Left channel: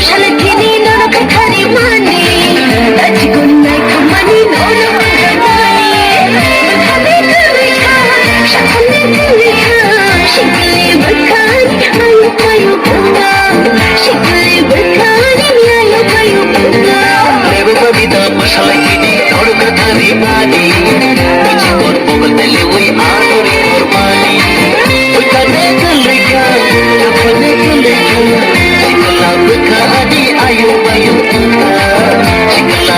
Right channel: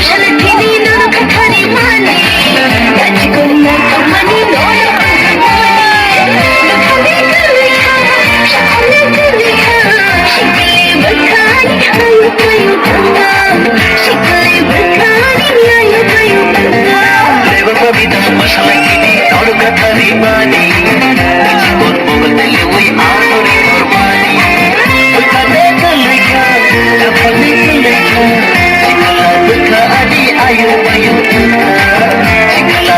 mushalathini nono kathari mani rachikon nai thamani shakale kurikha shikale bakhani ayu kayu bhanga shikale bakhani ayu kayu bhanga devo kavita mushalathini nono kathari mani rachikon bogdale oi aadore kormani kane kurikha apne kurikha shikala adi ayu ayu shikala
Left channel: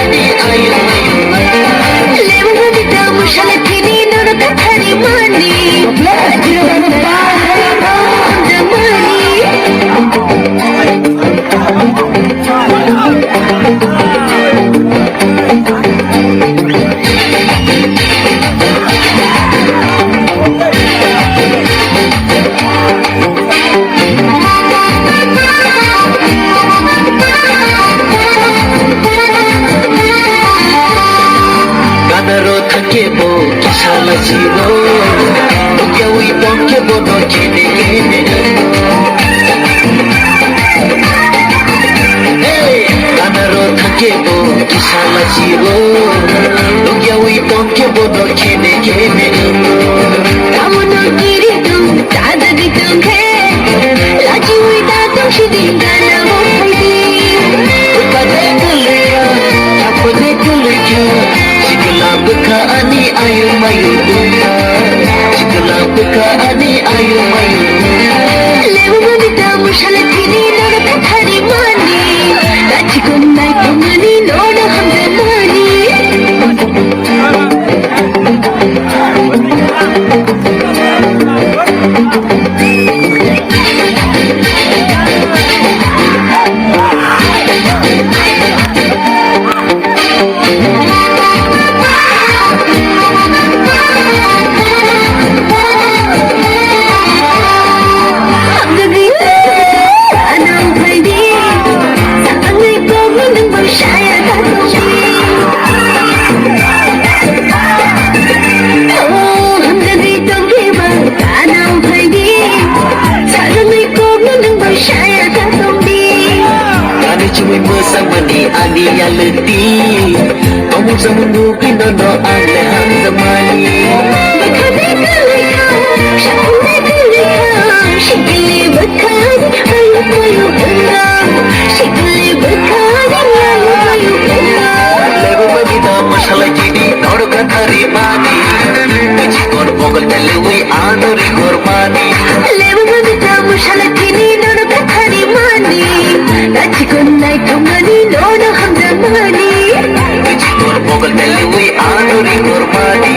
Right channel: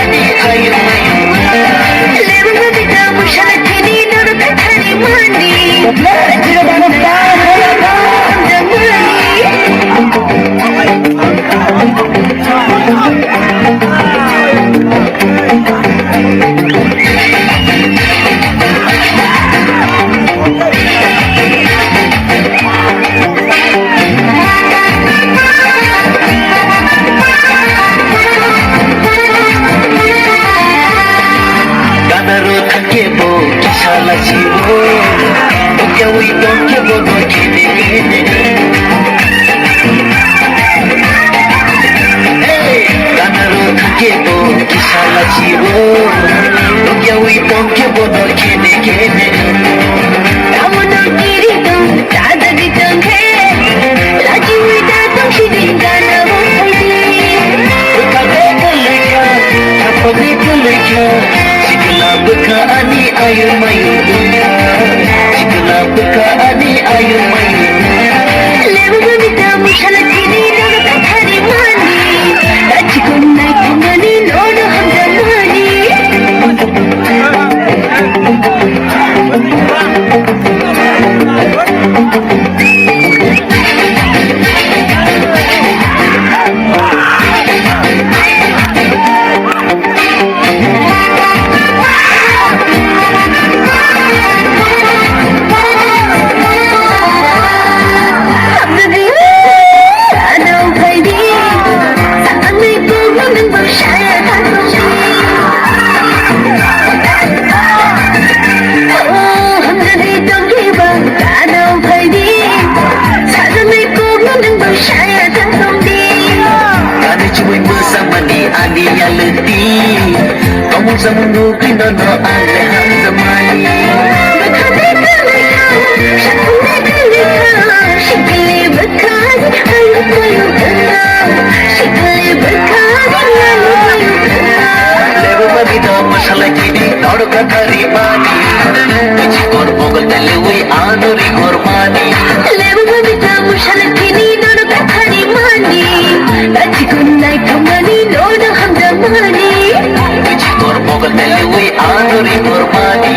adi ayu ayu levo kavita mushalathini nono kathari mani rachikon nai Kadaro thakebo kisala jiro Ukyawi tokebo no kene kene Kadaro thakebo kisala jiro Ukyawi tokebo no kene kene Kamuno kiridam tadaditam he Lajuida toshidingana mohaidi Ukade kulika apne kulika Shikala bukha ani ayu mayu Shikala bukha ani ayu mayu levo kavita mushalathini nono kathari mani rachikon nai thamani nono handamani Kani cuma bersamani ani yang letih Kamu sama nukin dono ani han zamani shikale bakhani ayu kayu bhanga shikale bakhani ayu kayu bhanga Levo kavita masala kini aur kathari mani Jikon bogal dale oi aadore kormani levo kavita mushalathini nono kathari mani rachikon nai thamani nono handamani Jikon bogal dale oi aadore kormani